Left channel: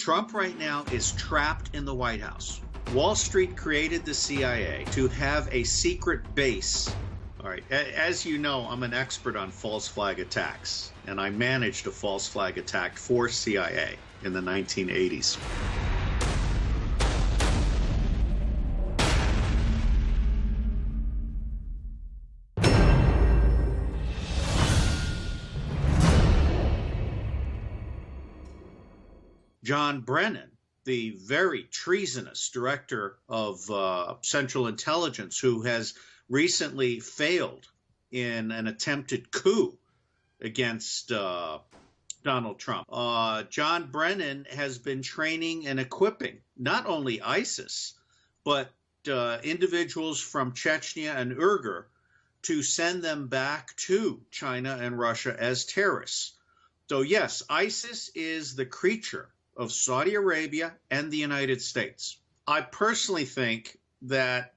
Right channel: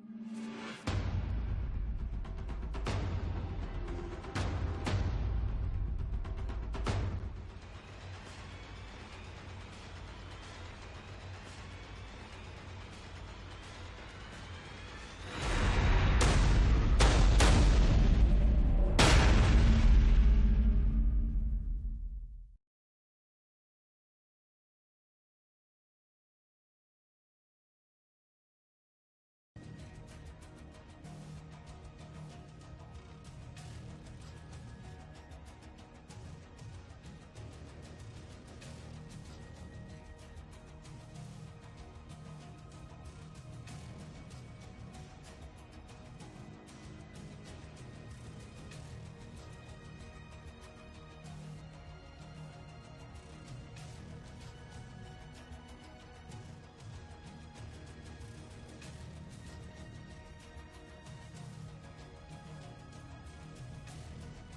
Trump right now is trapped in the White House. Wall Street created the CIA to have a secret base. All right, as you know, I'm an expert on false flag attacks, and I managed a false flag attack for CIA in the 1980s. John Brennan, the very treasonous director of Central Intelligence, who has recently failed in an attempted coup against Donald Trump. John Brennan has been training and equipping not only ISIS, but individuals from Chechnya and Uyghur to send them back to China and Russia as terrorists. So yes, ISIS is the creature of Saudi Arabia and the United States. I personally think that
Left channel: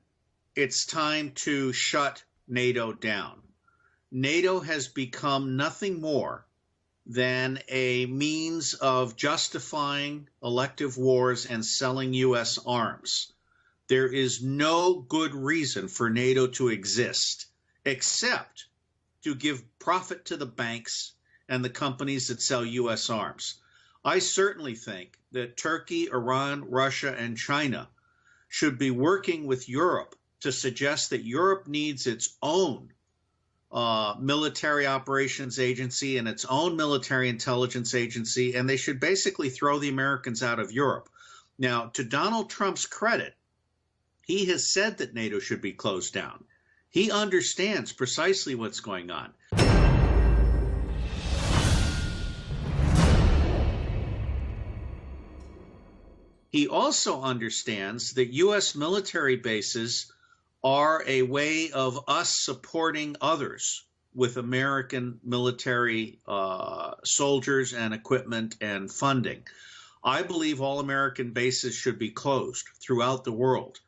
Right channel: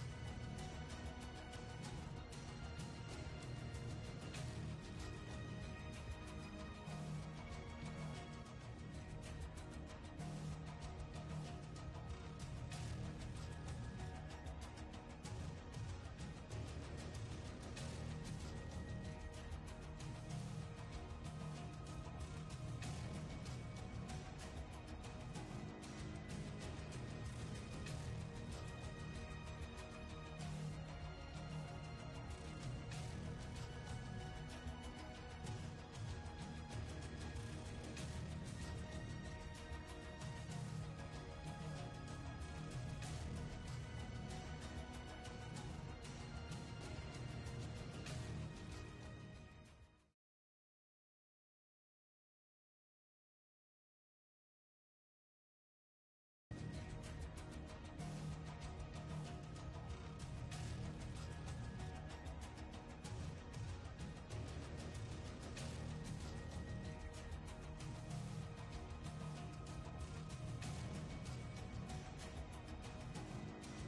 it's time to shut NATO down. NATO has become nothing more than a means of justifying elective wars and selling U.S. arms. There is no good reason for NATO to exist except to give profit to the banks and the companies that sell U.S. arms. I certainly think that Turkey, Iran, Russia, and China should be working with Europe to suggest that Europe needs its own military operations agency and its own military intelligence agency, and they should basically throw the Americans out of Europe. Now, to Donald Trump's credit, he has said that NATO should be closed down. He understands precisely what's going on. He also understands that U.S. military bases are a way of us supporting others with American military soldiers and equipment and funding. I believe all American bases should be closed throughout the world.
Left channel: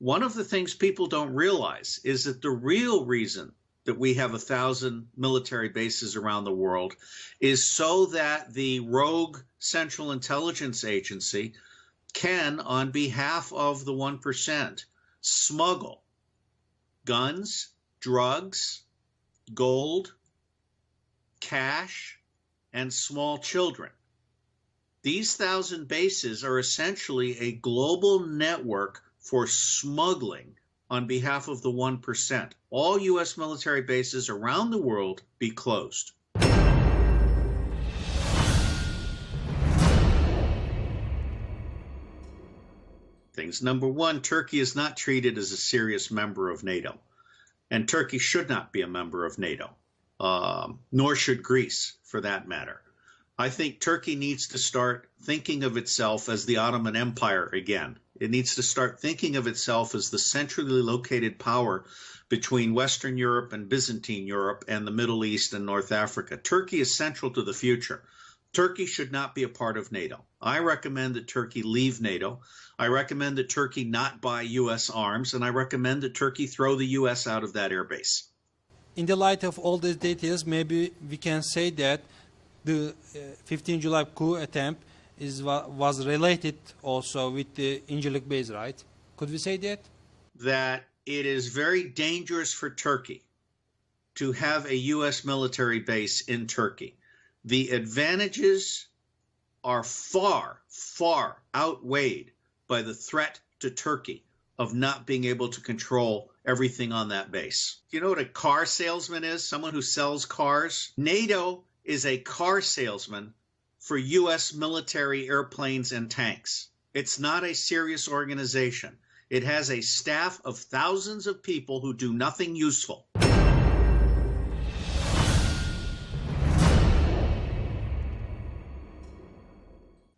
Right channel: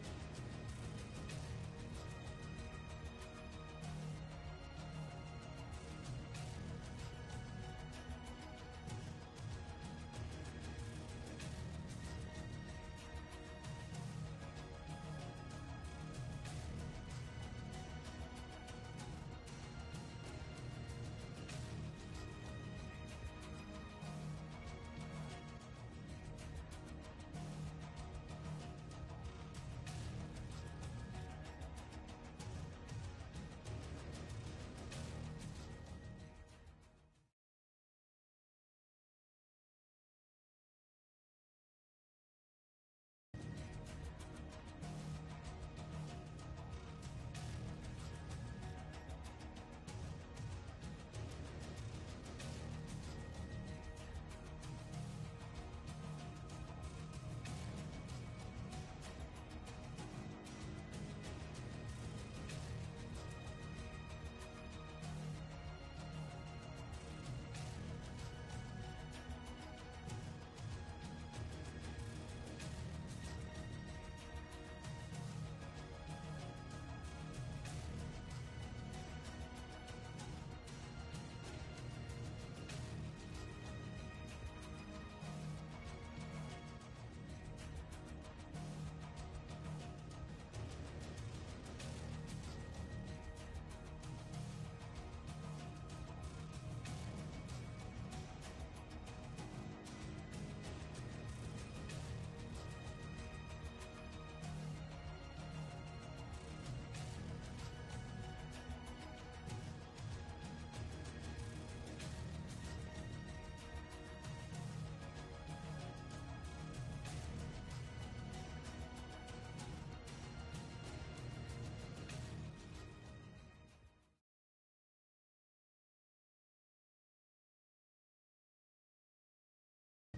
One of the things people don't realize is that the real reason that we have 1,000 military bases around the world is so that the rogue Central Intelligence Agency can, on behalf of the 1%, smuggle guns, drugs, gold, cash, and small children. These 1,000 bases are essentially a global network for smuggling on behalf of the 1%. All U.S. military bases around the world be closed. Things. Number one, Turkey is not treated as a serious member of NATO, and Turkey should not be a member of NATO, nor should Greece, for that matter. I think Turkey needs to start thinking of itself as the Ottoman Empire again. It needs to start thinking of itself as the centrally located power between Western Europe and Byzantine Europe and the Middle East and North Africa. Turkey is central to the future. Turkey should not be a part of NATO. I recommend that Turkey leave NATO. I recommend that Turkey not buy U.S. arms, and I recommend that Turkey throw the U.S. out of that airbase. In the light of all these details, maybe we can say that the 15 July coup attempt was related also with the Incirlik base, right? Could we say that? That it is very dangerous for Turkey to have a U.S. military base in Turkey. The advantages are far, far outweighed by the threat to Turkey of not being able to control everything on that base. You know what a car salesman is? Someone who sells cars? NATO is a car salesman for U.S. military airplanes and tanks. It's not a serious organization. It has a staff of thousands of people who do nothing useful.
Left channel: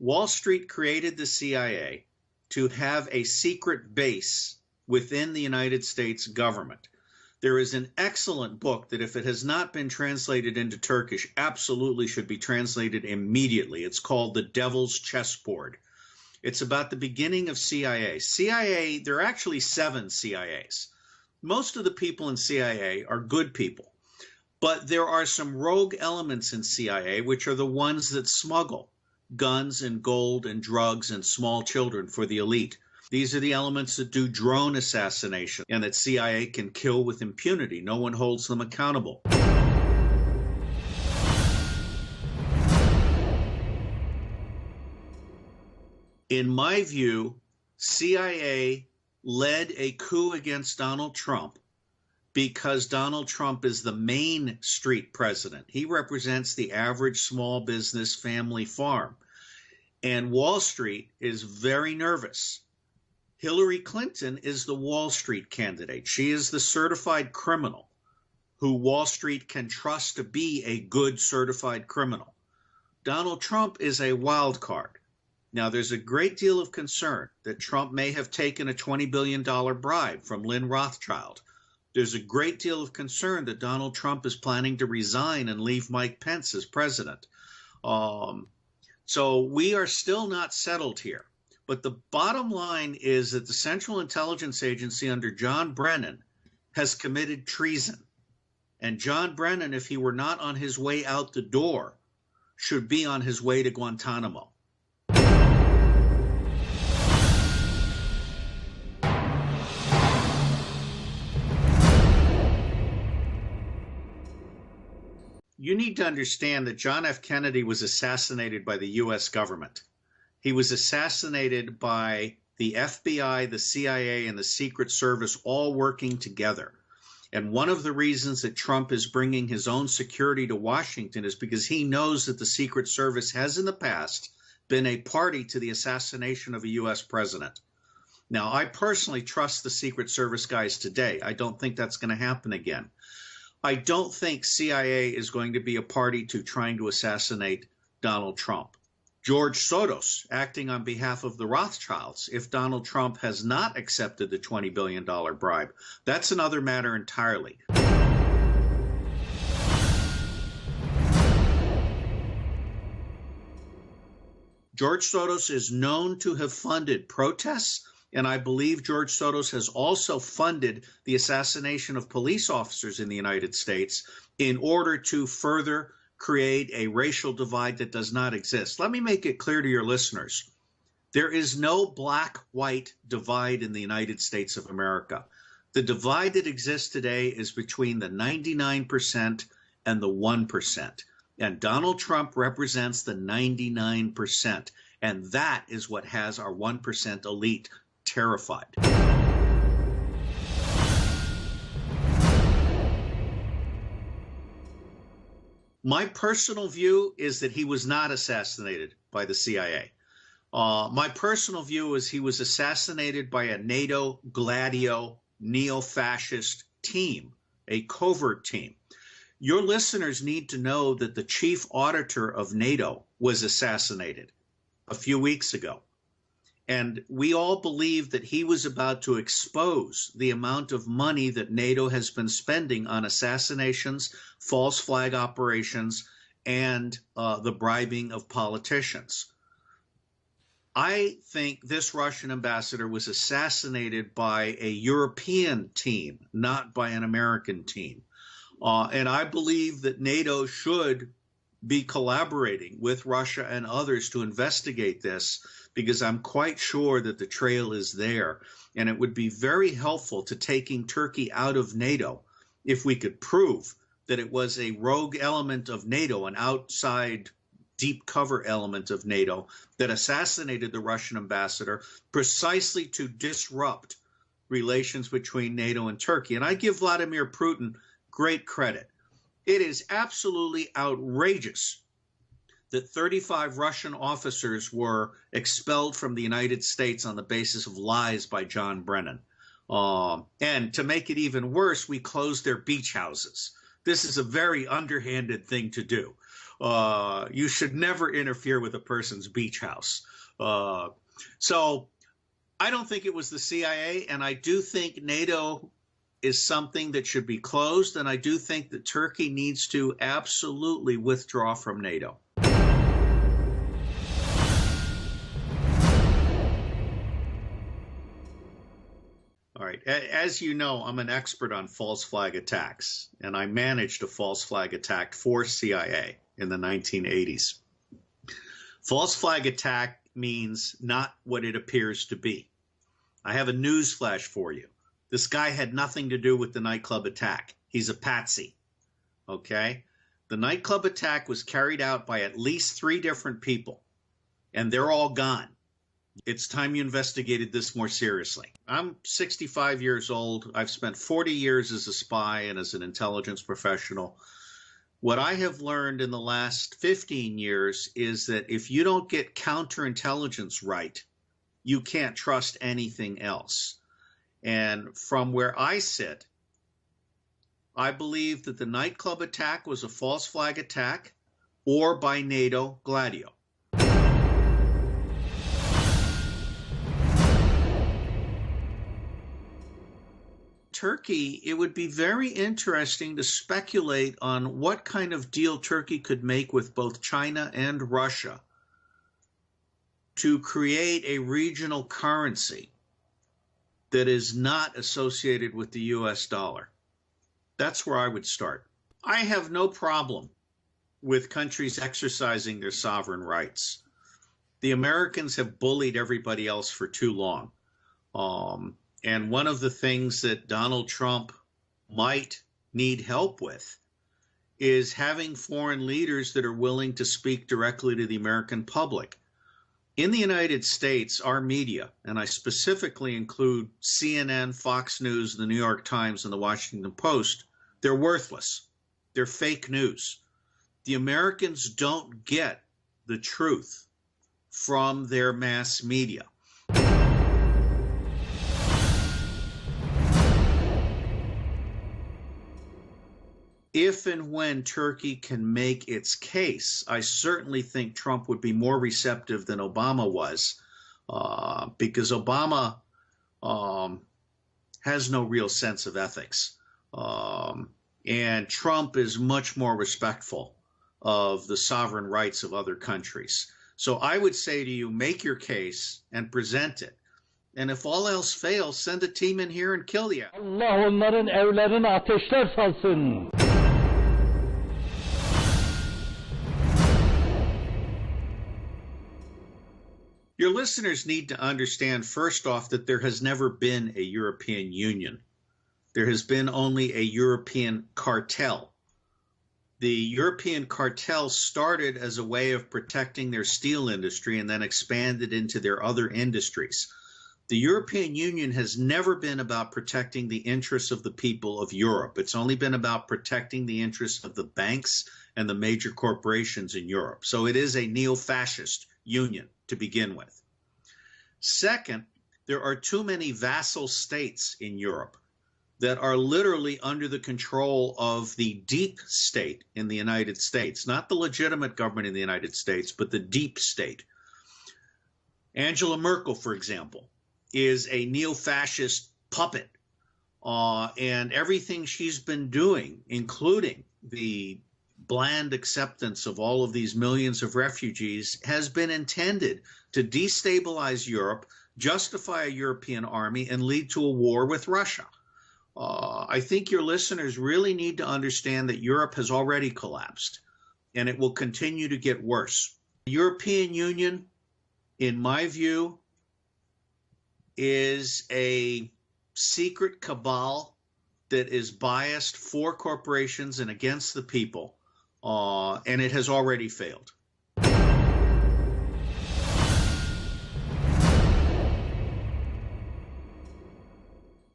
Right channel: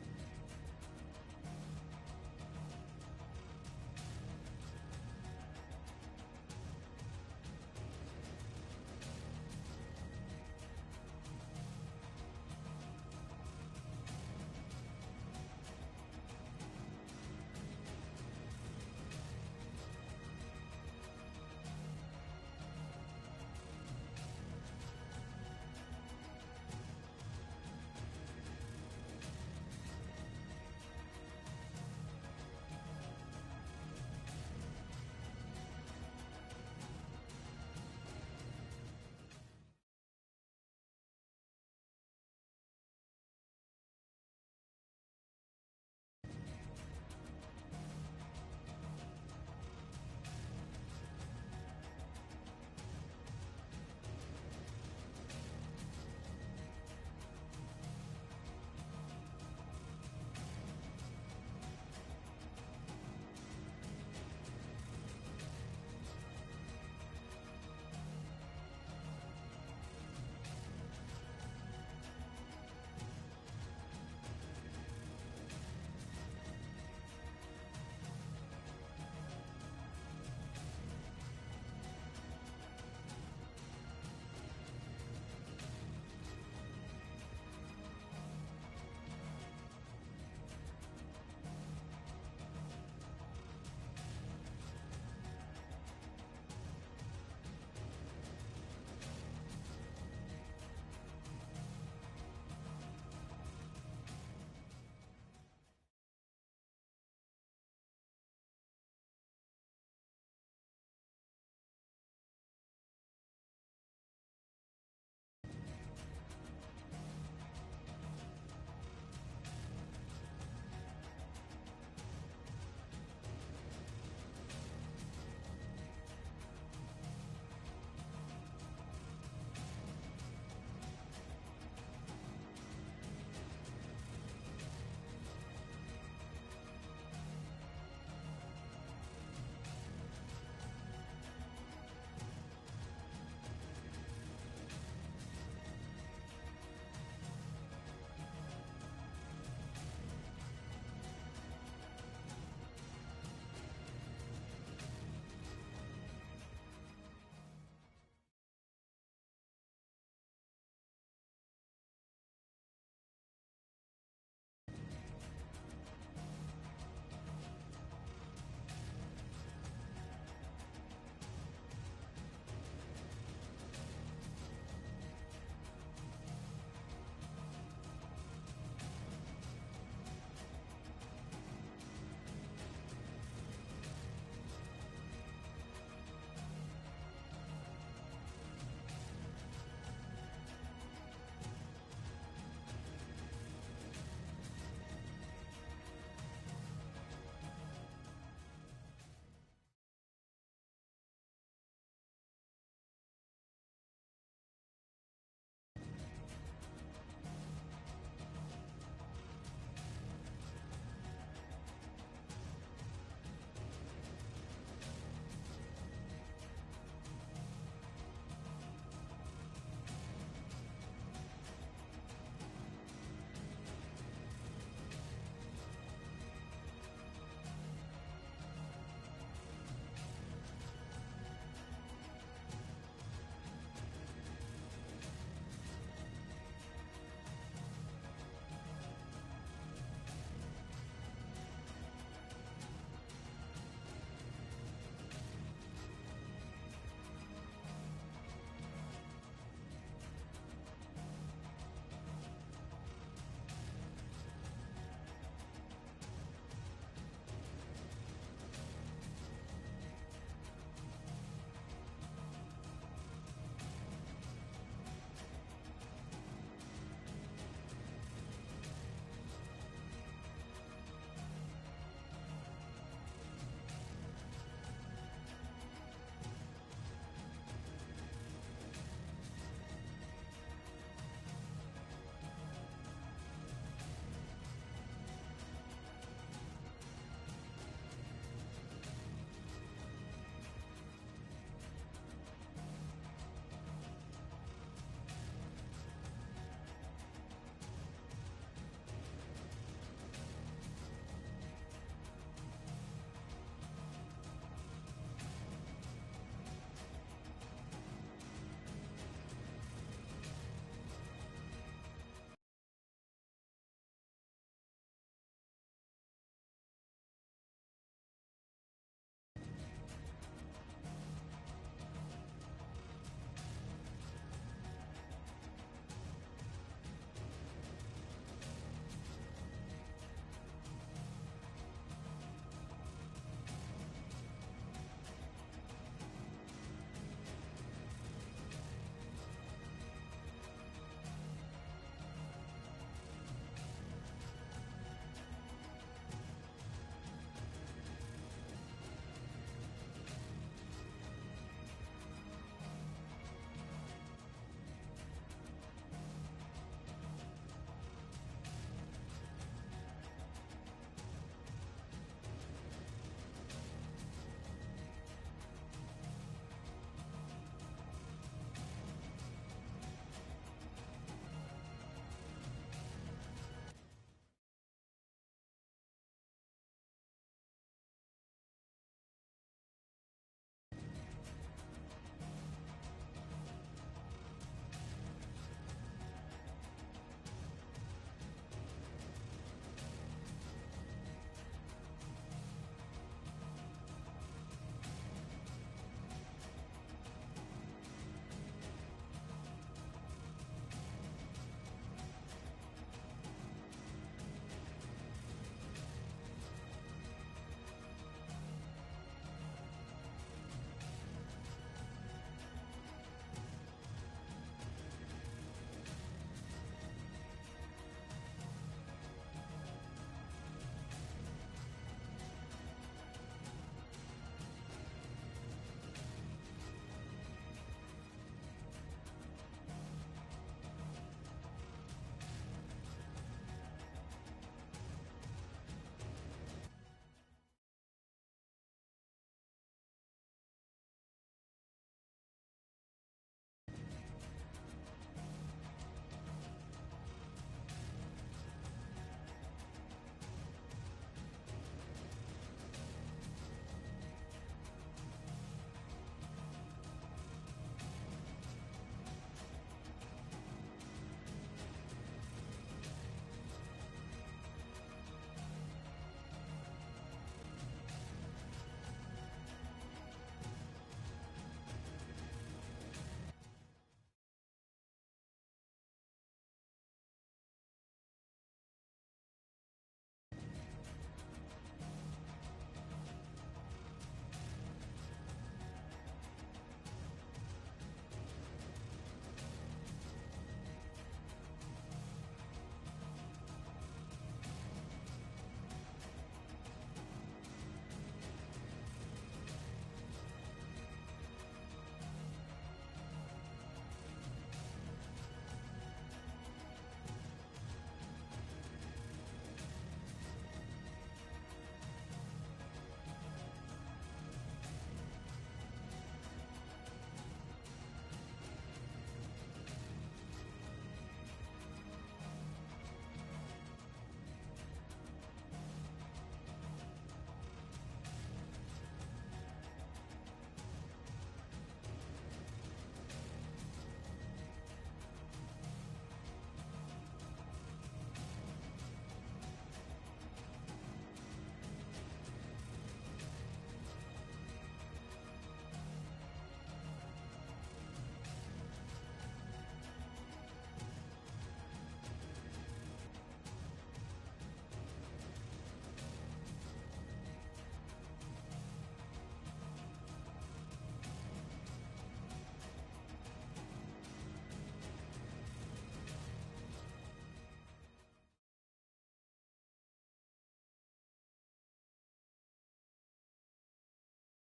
Wall Street created the CIA to have a secret base within the United States government. There is an excellent book that, if it has not been translated into Turkish, absolutely should be translated immediately. It's called The Devil's Chessboard. It's about the beginning of CIA. CIA, there are actually 7 CIAs. Most of the people in CIA are good people, but there are some rogue elements in CIA which are the ones that smuggle. guns and gold and drugs and small children for the elite. These are the elements that do drone assassination and that CIA can kill with impunity. No one holds them accountable. In my view, CIA led a coup against Donald Trump because Donald Trump is the Main Street president. He represents the average small business family farm. And Wall Street is very nervous. Hillary Clinton is the Wall Street candidate. She is the certified criminal who Wall Street can trust to be a good certified criminal. Donald Trump is a wild card. Now, there's a great deal of concern that Trump may have taken a $20 billion bribe from Lynn Rothschild. There's a great deal of concern that Donald Trump is planning to resign and leave Mike Pence as president. So we are still not settled here. But the bottom line is that the Central Intelligence Agency under John Brennan has committed treason. And John Brennan, if he were not on his way out the door, should be on his way to Guantanamo. You need to understand that John F. Kennedy was assassinated by the U.S. government. He was assassinated by the FBI, the CIA, and the Secret Service all working together. And one of the reasons that Trump is bringing his own security to Washington is because he knows that the Secret Service has in the past been a party to the assassination of a U.S. president. Now, I personally trust the Secret Service guys today. I don't think that's going to happen again. I don't think CIA is going to be a party to trying to assassinate Donald Trump. George Soros, acting on behalf of the Rothschilds, if Donald Trump has not accepted the $20 billion bribe, that's another matter entirely. George Soros is known to have funded protests, and I believe George Soros has also funded the assassination of police officers in the United States in order to further create a racial divide that does not exist. Let me make it clear to your listeners. There is no black-white divide in the United States of America. The divide that exists today is between the 99% and the 1%. And Donald Trump represents the 99%. And that is what has our 1% elite terrified. My personal view is that he was not assassinated by the CIA. My personal view is he was assassinated by a NATO Gladio neo-fascist team, a covert team. Your listeners need to know that the chief auditor of NATO was assassinated a few weeks ago. And we all believe that he was about to expose the amount of money that NATO has been spending on assassinations, false flag operations, and the bribing of politicians. I think this Russian ambassador was assassinated by a European team, not by an American team. And I believe that NATO should be collaborating with Russia and others to investigate this, because I'm quite sure that the trail is there. And it would be very helpful to taking Turkey out of NATO if we could prove that it was a rogue element of NATO, an outside deep cover element of NATO, that assassinated the Russian ambassador precisely to disrupt relations between NATO and Turkey. And I give Vladimir Putin great credit. It is absolutely outrageous that 35 Russian officers were expelled from the United States on the basis of lies by John Brennan. And to make it even worse, we closed their beach houses. This is a very underhanded thing to do. You should never interfere with a person's beach house. So I don't think it was the CIA, and I do think NATO is something that should be closed, and I do think that Turkey needs to absolutely withdraw from NATO. All right, as you know, I'm an expert on false flag attacks, and I managed a false flag attack for CIA in the 1980s. False flag attack means not what it appears to be. I have a news flash for you. This guy had nothing to do with the nightclub attack. He's a patsy, okay? The nightclub attack was carried out by at least 3 different people, and they're all gone. It's time you investigated this more seriously. I'm 65 years old. I've spent 40 years as a spy and as an intelligence professional. What I have learned in the last 15 years is that if you don't get counterintelligence right, you can't trust anything else. And from where I sit, I believe that the nightclub attack was a false flag attack or by NATO Gladio. Turkey, it would be very interesting to speculate on what kind of deal Turkey could make with both China and Russia to create a regional currency that is not associated with the US dollar. That's where I would start. I have no problem with countries exercising their sovereign rights. The Americans have bullied everybody else for too long. And one of the things that Donald Trump might need help with is having foreign leaders that are willing to speak directly to the American public. In the United States, our media, and I specifically include CNN, Fox News, the New York Times, and the Washington Post, they're worthless. They're fake news. The Americans don't get the truth from their mass media. If and when Turkey can make its case, I certainly think Trump would be more receptive than Obama was, because Obama has no real sense of ethics. And Trump is much more respectful of the sovereign rights of other countries. So I would say to you, make your case and present it. And if all else fails, send a team in here and kill you. Allah onların evlerine ateşler salsın. Your listeners need to understand, first off, that there has never been a European Union. There has been only a European cartel. The European cartel started as a way of protecting their steel industry and then expanded into their other industries. The European Union has never been about protecting the interests of the people of Europe. It's only been about protecting the interests of the banks and the major corporations in Europe. So it is a neo-fascist union to begin with. Second, there are too many vassal states in Europe that are literally under the control of the deep state in the United States, not the legitimate government in the United States, but the deep state. Angela Merkel, for example, is a neo-fascist puppet, and everything she's been doing, including the bland acceptance of all of these millions of refugees, has been intended to destabilize Europe, justify a European army, and lead to a war with Russia. I think your listeners really need to understand that Europe has already collapsed, and it will continue to get worse. The European Union, in my view, is a secret cabal that is biased for corporations and against the people, and it has already failed.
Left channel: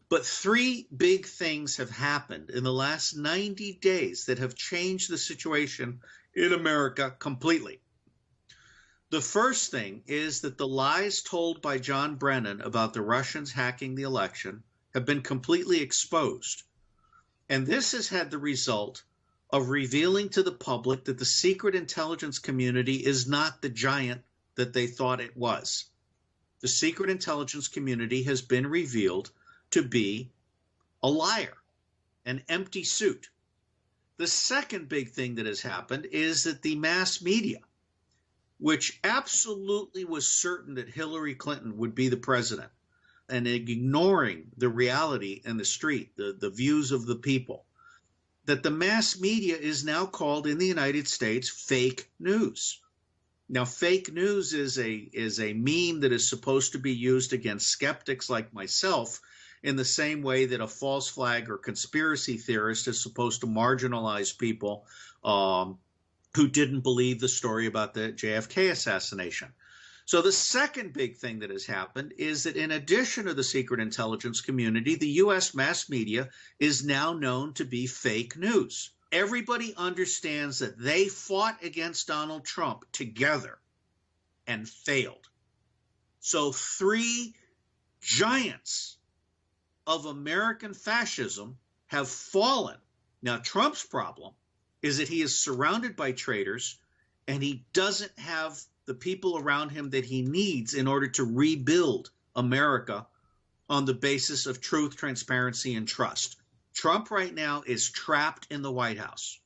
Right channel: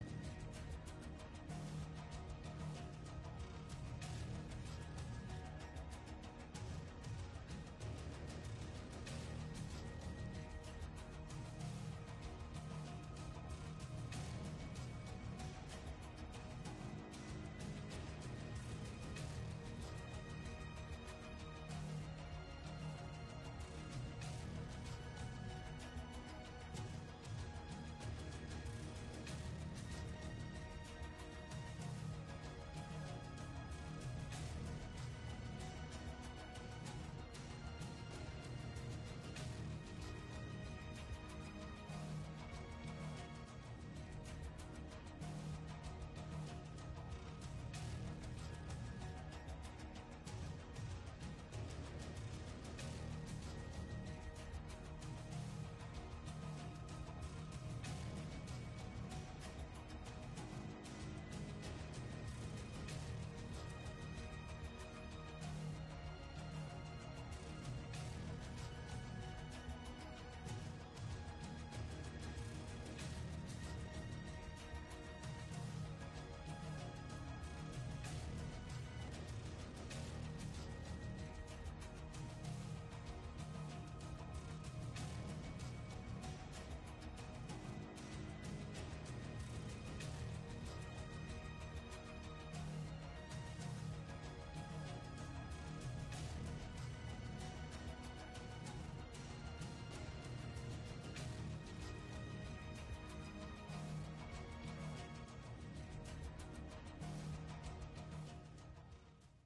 But 3 big things have happened in the last 90 days that have changed the situation in America completely. The first thing is that the lies told by John Brennan about the Russians hacking the election have been completely exposed. And this has had the result of revealing to the public that the secret intelligence community is not the giant that they thought it was. The secret intelligence community has been revealed to be a liar, an empty suit. The second big thing that has happened is that the mass media, which absolutely was certain that Hillary Clinton would be the president, and ignoring the reality in the street, the views of the people, that the mass media is now called in the United States fake news. Now, fake news is a meme that is supposed to be used against skeptics like myself in the same way that a false flag or conspiracy theorist is supposed to marginalize people who didn't believe the story about the JFK assassination. So the second big thing that has happened is that in addition to the secret intelligence community, the U.S. mass media is now known to be fake news. Everybody understands that they fought against Donald Trump together and failed. So three giants of American fascism have fallen. Now, Trump's problem is that he is surrounded by traitors and he doesn't have the people around him that he needs in order to rebuild America on the basis of truth, transparency, and trust. Trump right now is trapped in the White House.